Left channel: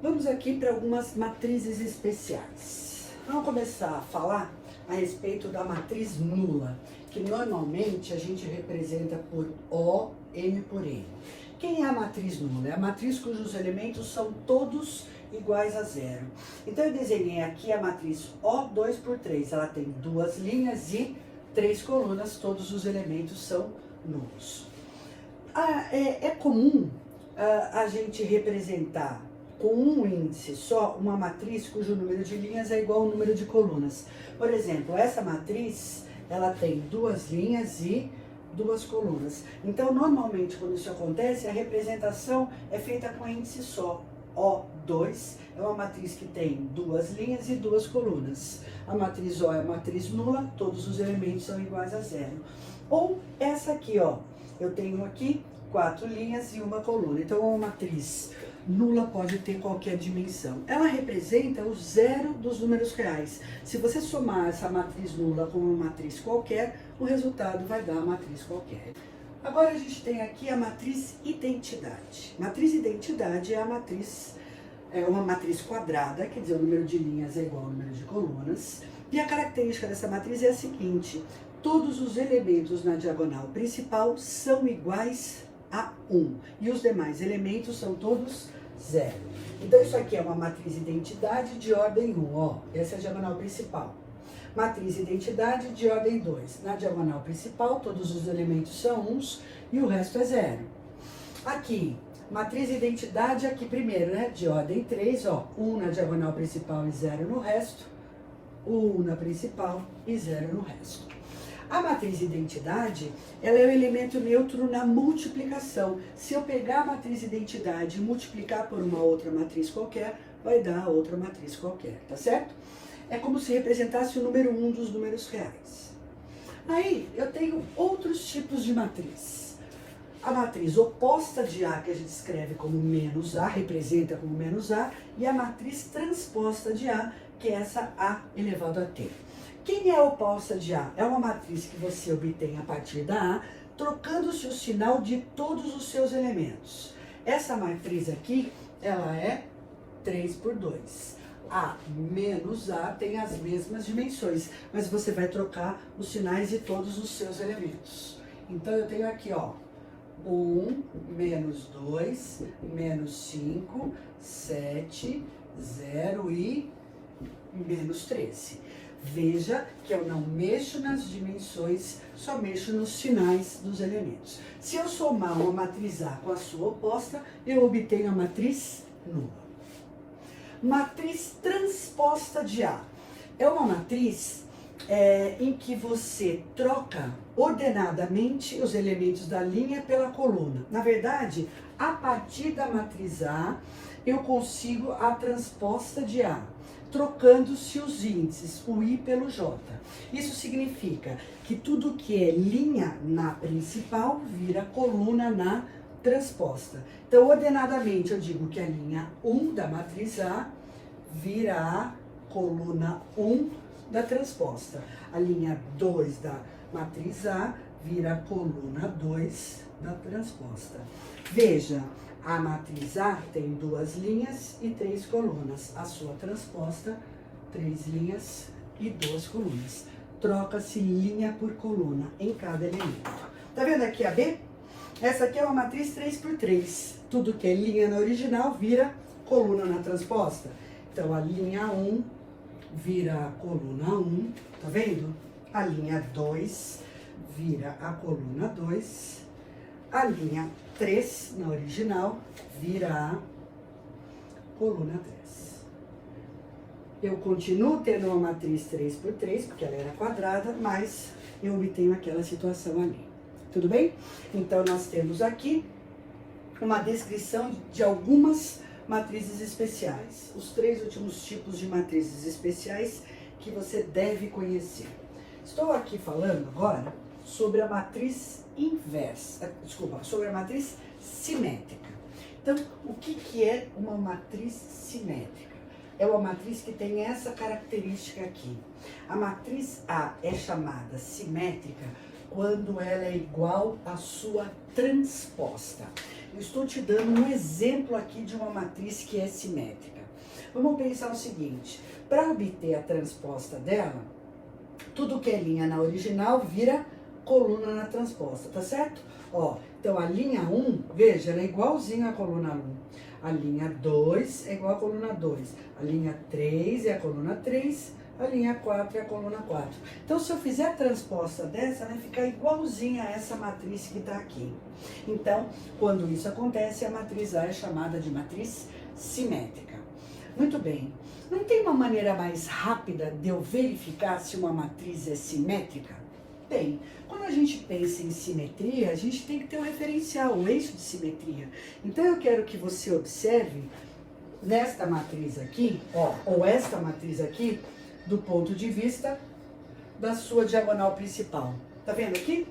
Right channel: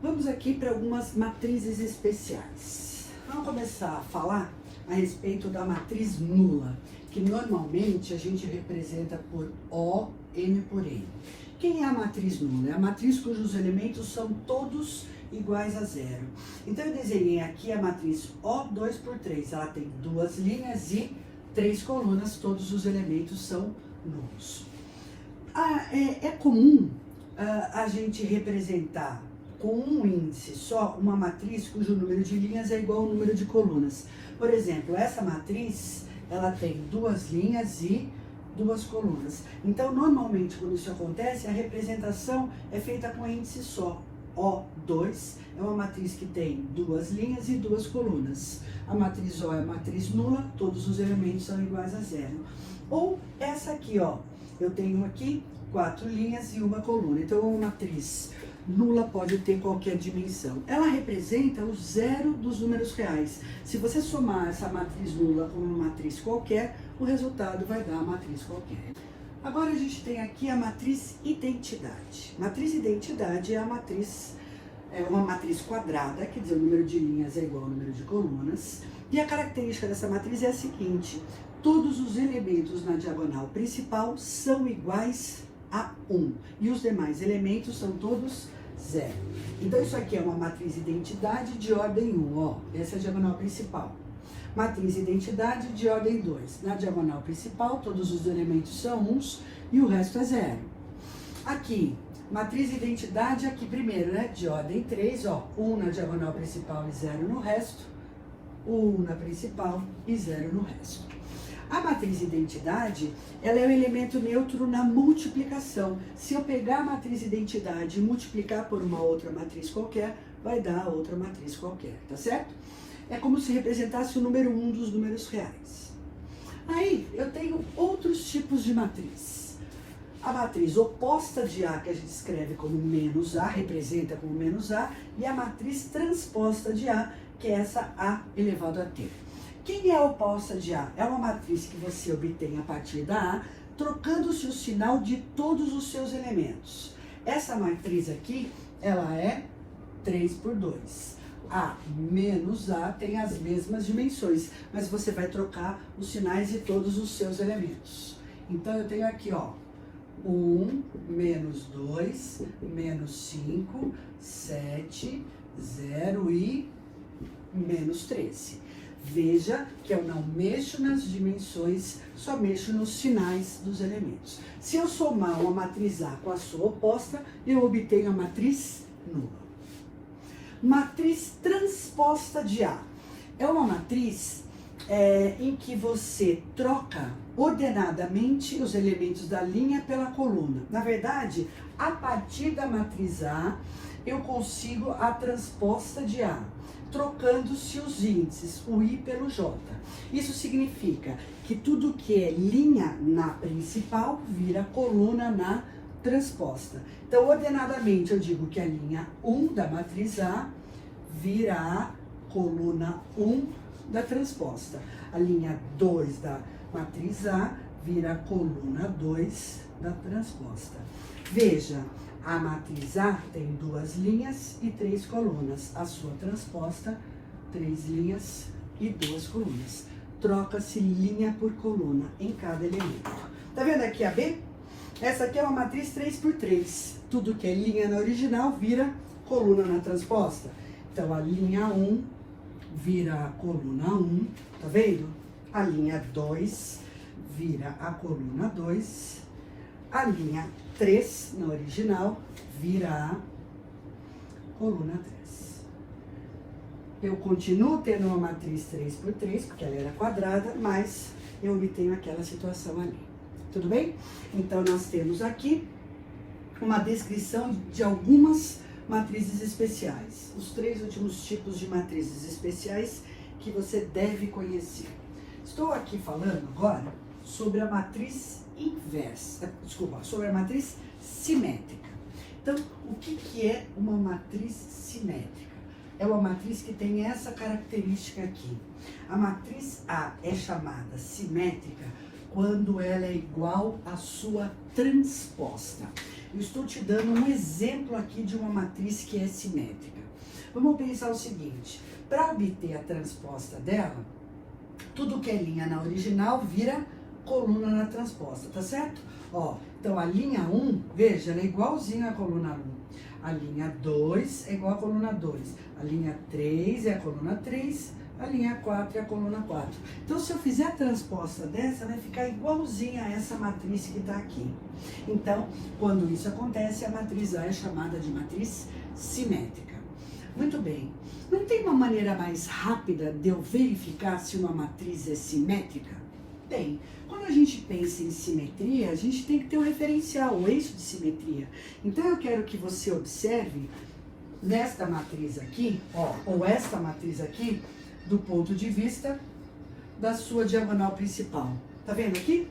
Vamos aqui para algumas matrizes especiais. Vamos começar a falar a respeito da matriz nula, que normalmente a gente representa por O, N por N. Quem é a matriz nula? É a matriz cujos elementos são todos iguais a zero. Então eu desenhei aqui a matriz O2 por 3. Ela tem duas linhas e 3 colunas, todos os elementos são nulos. É comum a gente representar com um índice só uma matriz cujo número de linhas é igual ao número de colunas. Por exemplo, essa matriz, ela tem duas linhas e duas colunas. Então, normalmente, quando isso acontece, a representação é feita com um índice só. O2 é uma matriz que tem duas linhas e duas colunas. A matriz O é a matriz nula, todos os elementos são iguais a zero. Ou essa aqui, ó, eu tenho aqui 4 linhas e uma coluna. Então, uma matriz nula pode ter qualquer dimensão. Ela representa o zero dos números reais. Se você somar essa matriz nula com uma matriz qualquer, o resultado vai dar a matriz qualquer. Agora a gente tem aqui a matriz identidade. Matriz identidade é uma matriz quadrada, quer dizer, o número de linhas é igual ao número de colunas. E a característica dessa matriz é a seguinte: todos os elementos na diagonal principal são iguais a 1. E os demais elementos são todos zero. Então isso aqui é uma matriz identidade de ordem 1, ó. Essa é a diagonal principal. Matriz identidade de ordem 2. Na diagonal principal, todos os elementos são 1 e o resto é zero. Aqui, matriz identidade aqui primeiro, né? De ordem 3, ó. 1 na diagonal principal e 0 no resto. 1 na principal e 0 no resto. A matriz identidade, ela é o elemento neutro na multiplicação. Se eu pegar a matriz identidade e multiplicar por uma outra matriz qualquer, vai dar outra matriz qualquer, tá certo? É como se representasse o número 1 dos números reais. Aí, eu tenho outros tipos de matriz. A matriz oposta de A, que a gente escreve como menos A, representa como menos A, e a matriz transposta de A, que é essa A elevado a T. Quem é a oposta de A? É uma matriz que você obtém a partir da A, trocando-se o sinal de todos os seus elementos. Essa matriz aqui, ela é 3 por 2. A menos A tem as mesmas dimensões, mas você vai trocar os sinais de todos os seus elementos. Então, eu tenho aqui, ó, 1, menos 2, menos 5, 7, 0 e menos 13. Veja que eu não mexo nas dimensões, só mexo nos sinais dos elementos. Se eu somar uma matriz A com a sua oposta, eu obtenho a matriz nula. Matriz transposta de A. É uma matriz em que você troca ordenadamente os elementos da linha pela coluna. Na verdade, a partir da matriz A, eu consigo a transposta de A, trocando-se os índices, o I pelo J. Isso significa que tudo que é linha na principal vira coluna na transposta. Então, ordenadamente, eu digo que a linha 1 da matriz A vira a coluna 1 da transposta. A linha 2 da matriz A vira a coluna 2 da transposta. Veja, a matriz A tem duas linhas e 3 colunas. A sua transposta, 3 linhas e 2 colunas. Troca-se linha por coluna em cada elemento. Tá vendo aqui a B? Essa aqui é uma matriz 3 por 3. Tudo que é linha na original vira coluna na transposta. Então, a linha 1 vira a coluna 1, tá vendo? A linha 2 vira a coluna 2. A linha 3, na original, vira a coluna 3. Eu continuo tendo uma matriz 3 por 3, porque ela era quadrada, mas eu obtenho aquela situação ali. Tudo bem? Então, nós temos aqui uma descrição de algumas matrizes especiais. Os 3 últimos tipos de matrizes especiais que você deve conhecer. Estou aqui falando agora sobre a matriz inversa, sobre a matriz simétrica. Então, o que é uma matriz simétrica? É uma matriz que tem essa característica aqui. A matriz A é chamada simétrica quando ela é igual à sua transposta. Eu estou te dando um exemplo aqui de uma matriz que é simétrica. Vamos pensar o seguinte, para obter a transposta dela, tudo que é linha na original vira coluna na transposta, tá certo? Ó, então a linha 1, veja, ela é igualzinha à coluna 1. A linha 2 é igual à coluna 2. A linha 3 é a coluna 3. A linha 4 é a coluna 4. Então, se eu fizer a transposta dessa, vai ficar igualzinha a essa matriz que está aqui. Então, quando isso acontece, a matriz A é chamada de matriz simétrica. Muito bem. Não tem uma maneira mais rápida de eu verificar se uma matriz é simétrica? Bem, quando a gente pensa em simetria, a gente tem que ter um referencial, um eixo de simetria. Então, eu quero que você observe nesta matriz aqui, ó, ou esta matriz aqui, do ponto de vista da sua diagonal principal. Tá vendo aqui?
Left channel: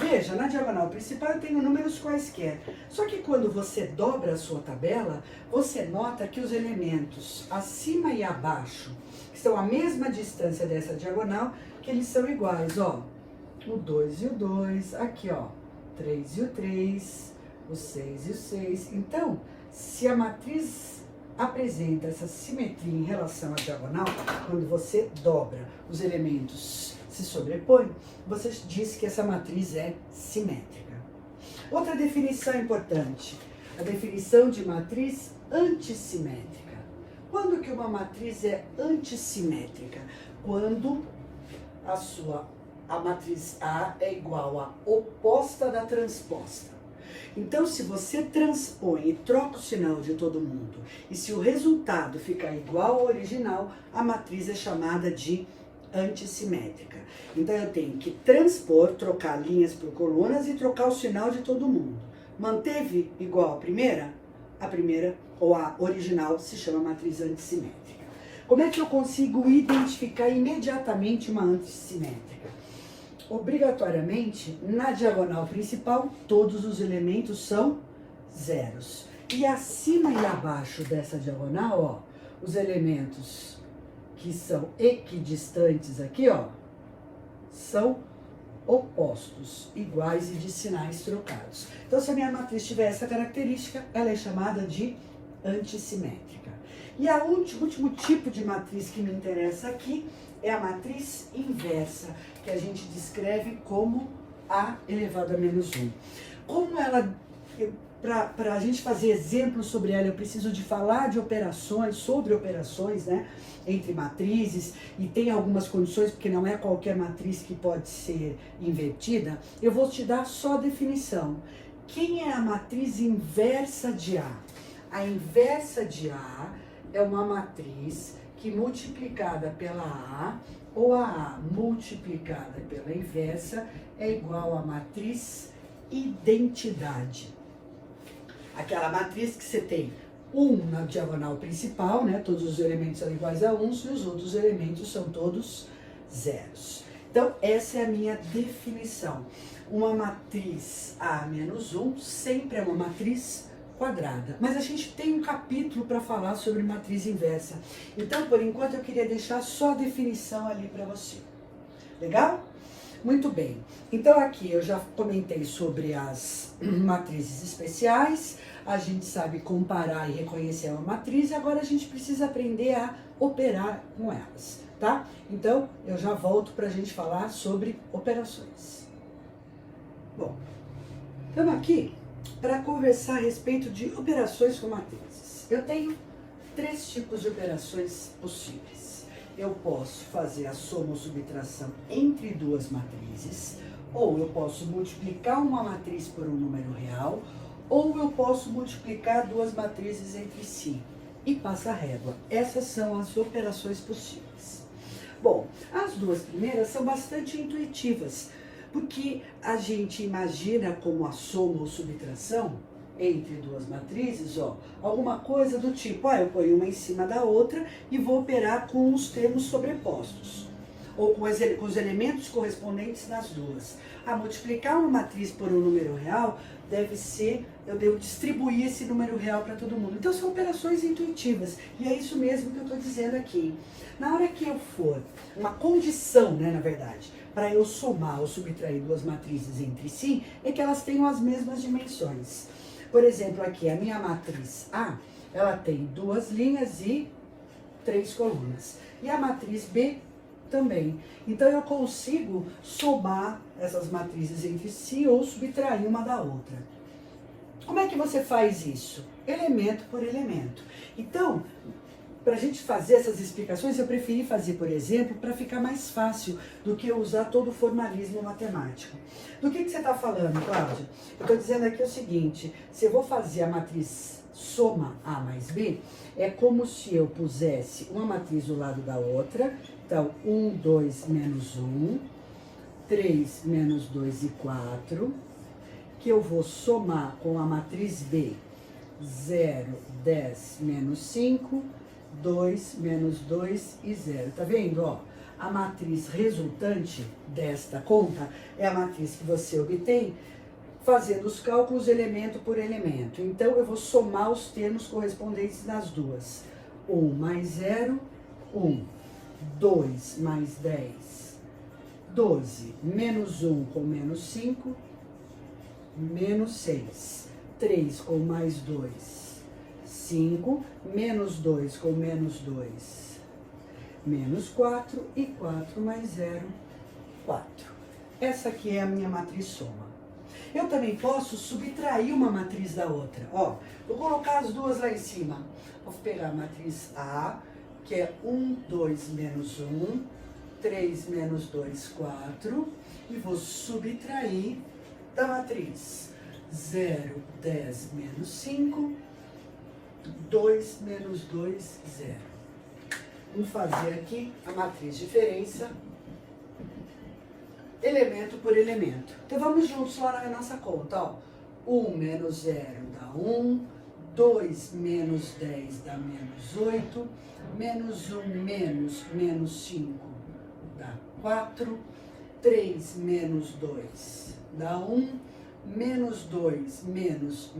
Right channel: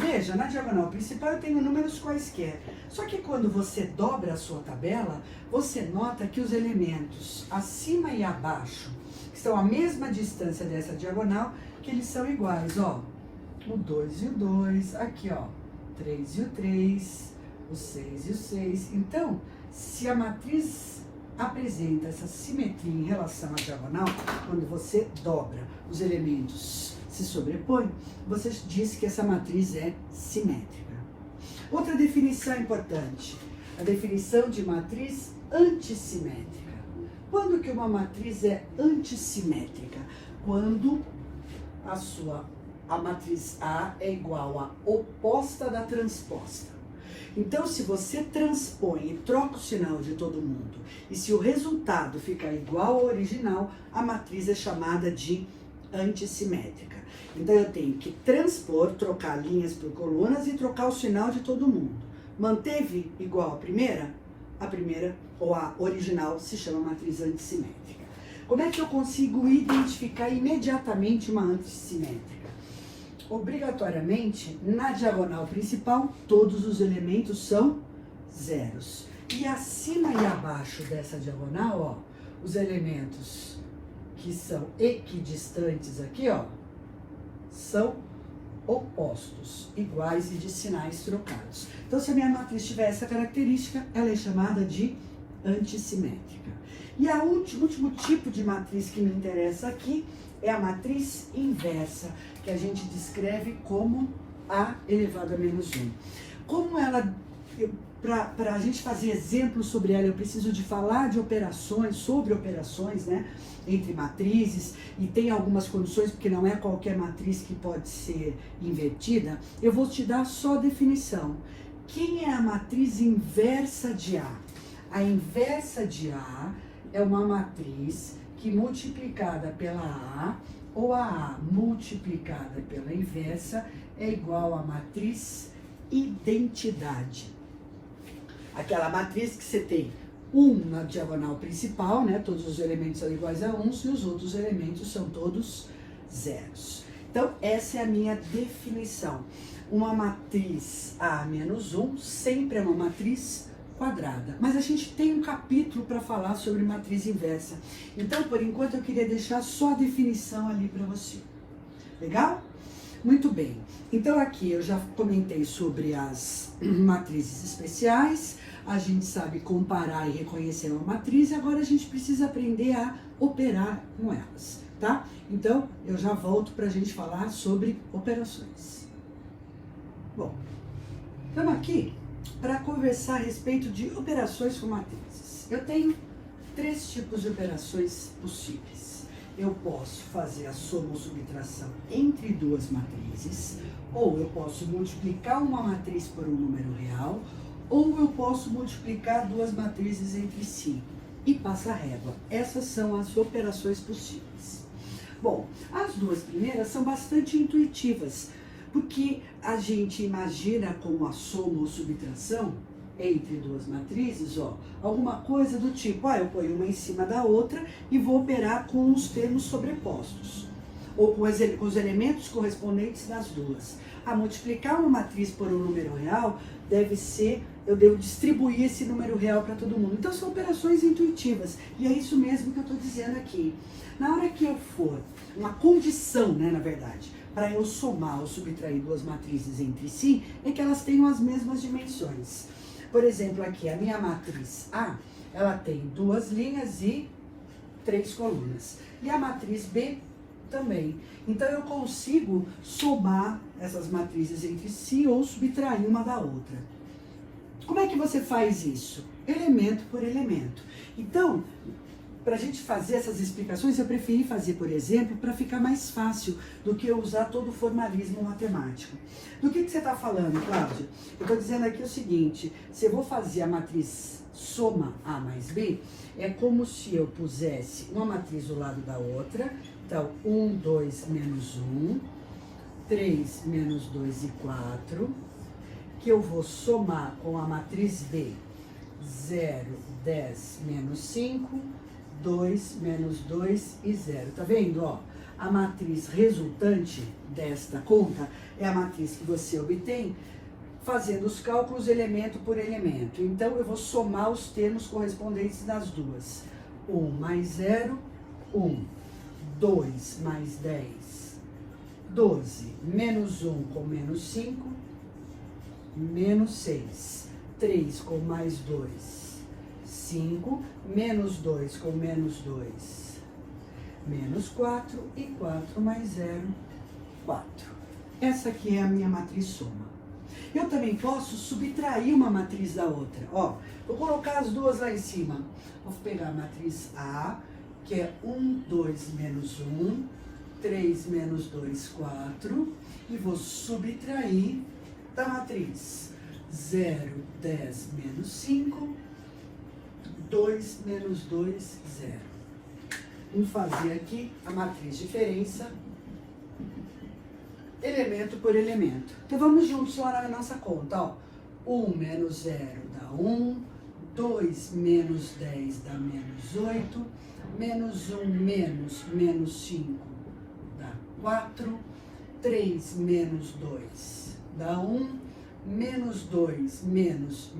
Veja, na diagonal principal eu tenho números quaisquer. Só que quando você dobra a sua tabela, você nota que os elementos acima e abaixo, que estão à mesma distância dessa diagonal, que eles são iguais, ó. O 2 e o 2, aqui, ó, 3 e o 3, o 6 e o 6. Então, se a matriz apresenta essa simetria em relação à diagonal, quando você dobra os elementos, se sobrepõe, você diz que essa matriz é simétrica. Outra definição importante, a definição de matriz antissimétrica. Quando que uma matriz é antissimétrica? Quando a matriz A é igual à oposta da transposta. Então, se você transpõe e troca o sinal de todo mundo, e se o resultado ficar igual ao original, a matriz é chamada de antissimétrica. Então, eu tenho que transpor, trocar linhas por colunas e trocar o sinal de todo mundo. Manteve igual à primeira? A primeira, ou a original, se chama matriz antissimétrica. Como é que eu consigo identificar imediatamente uma antissimétrica? Obrigatoriamente, na diagonal principal, todos os elementos são zeros. E acima e abaixo dessa diagonal, ó, os elementos que são equidistantes aqui, ó, são opostos, iguais e de sinais trocados. Então, se a minha matriz tiver essa característica, ela é chamada de antissimétrica. E o último tipo de matriz que me interessa aqui é a matriz inversa, que a gente descreve como A elevado a menos 1. Como ela, para a gente fazer exemplos sobre ela, eu preciso de falar de operações, sobre operações, né, entre matrizes, e tem algumas condições, porque não é qualquer matriz que pode ser invertida. Eu vou te dar só a definição. Quem é a matriz inversa de A? A inversa de A é uma matriz que multiplicada pela A, ou a A multiplicada pela inversa, é igual à matriz identidade. Aquela matriz que você tem 1 na diagonal principal, né? Todos os elementos são iguais a 1, e os outros elementos são todos zeros. Então, essa é a minha definição. Uma matriz A menos 1 sempre é uma matriz quadrada. Mas a gente tem um capítulo para falar sobre matriz inversa. Então, por enquanto, eu queria deixar só a definição ali para você. Legal? Muito bem. Então, aqui eu já comentei sobre as matrizes especiais. A gente sabe comparar e reconhecer uma matriz. E agora a gente precisa aprender a operar com elas, tá? Então, eu já volto para a gente falar sobre operações. Bom, estamos aqui para conversar a respeito de operações com matrizes. Eu tenho 3 tipos de operações possíveis. Eu posso fazer a soma ou subtração entre 2 matrizes, ou eu posso multiplicar uma matriz por um número real, ou eu posso multiplicar 2 matrizes entre si e passa a régua. Essas são as operações possíveis. Bom, as 2 primeiras são bastante intuitivas, porque a gente imagina como a soma ou subtração entre 2 matrizes, ó, alguma coisa do tipo, eu ponho uma em cima da outra e vou operar com os termos sobrepostos, ou com os elementos correspondentes das duas. Multiplicar uma matriz por um número real deve ser, eu devo distribuir esse número real para todo mundo. Então, são operações intuitivas, e é isso mesmo que eu estou dizendo aqui. Na hora que eu for, uma condição, né, na verdade, para eu somar ou subtrair 2 matrizes entre si, é que elas tenham as mesmas dimensões. Por exemplo, aqui, a minha matriz A, ela tem 2 linhas e 3 colunas. E a matriz B também. Então, eu consigo somar essas matrizes entre si ou subtrair uma da outra. Como é que você faz isso? Elemento por elemento. Então, para a gente fazer essas explicações, eu preferi fazer, por exemplo, para ficar mais fácil do que eu usar todo o formalismo matemático. Do que você está falando, Cláudio? Eu estou dizendo aqui o seguinte, se eu vou fazer a matriz soma A mais B, é como se eu pusesse uma matriz do lado da outra. Então, 1, 2, menos 1, 3, menos 2 e 4, que eu vou somar com a matriz B, 0, 10, menos 5, 2, menos 2 e 0. Tá vendo, ó? A matriz resultante desta conta é a matriz que você obtém fazendo os cálculos elemento por elemento. Então, eu vou somar os termos correspondentes das duas. 1 mais 0, 1. 2 mais 10, 12. Menos 1 com menos 5, menos 6. 3 com mais 2, 5. Menos 2 com menos 2, menos 4. E 4 mais 0, 4. Essa aqui é a minha matriz soma. Eu também posso subtrair uma matriz da outra. Ó, vou colocar as duas lá em cima. Vou pegar a matriz A, que é 1, 2, menos 1, 3, menos 2, 4, e vou subtrair da matriz 0, 10, menos 5, 2, menos 2, 0. Vamos fazer aqui a matriz diferença, elemento por elemento. Então, vamos juntos lá na nossa conta, ó. 1 menos 0 dá 1, 2 menos 10 dá menos 8, menos 1 menos 5 dá 4, 3 menos 2 dá 1, menos 2 menos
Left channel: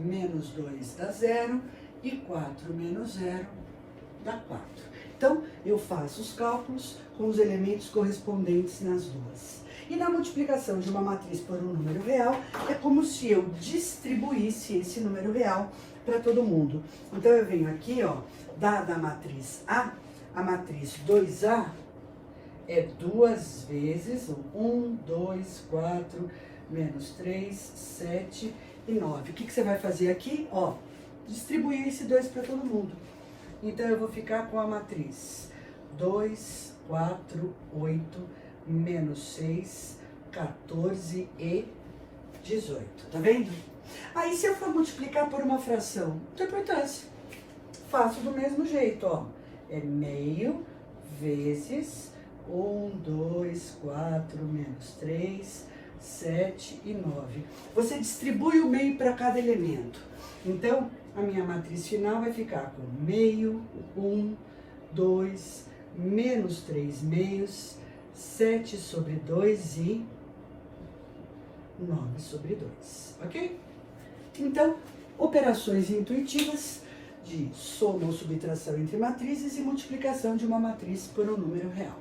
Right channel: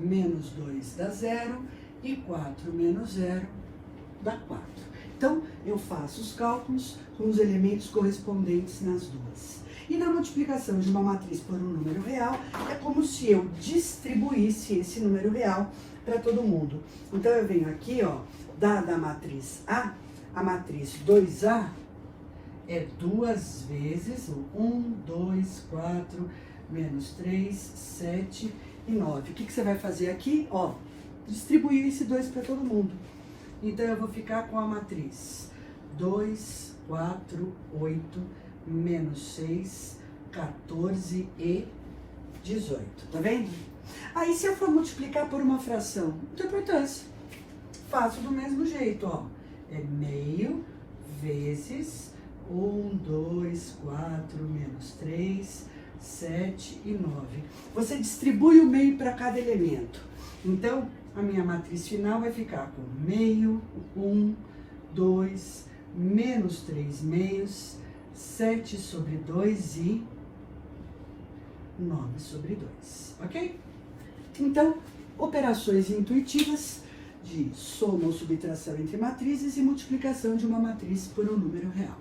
2 dá 0, e 4 menos 0 dá 4. Então, eu faço os cálculos com os elementos correspondentes nas duas. E na multiplicação de uma matriz por um número real, é como se eu distribuísse esse número real para todo mundo. Então, eu venho aqui, ó, dada a matriz A matriz 2A é 2 vezes 1, 2, 4, menos 3, 7 e 9. O que você vai fazer aqui? Ó, distribuir esse 2 para todo mundo. Então, eu vou ficar com a matriz 2, 4, 8, menos 6, 14 e 18. Tá vendo? Aí, se eu for multiplicar por uma fração, não tem importância. Faço do mesmo jeito, ó. É meio vezes 1, 2, 4, menos 3, 7 e 9. Você distribui o meio para cada elemento. Então, a minha matriz final vai ficar com meio, 1, 2, menos 3 meios, 7 sobre 2 e 9 sobre 2, ok? Então, operações intuitivas de soma ou subtração entre matrizes e multiplicação de uma matriz por um número real.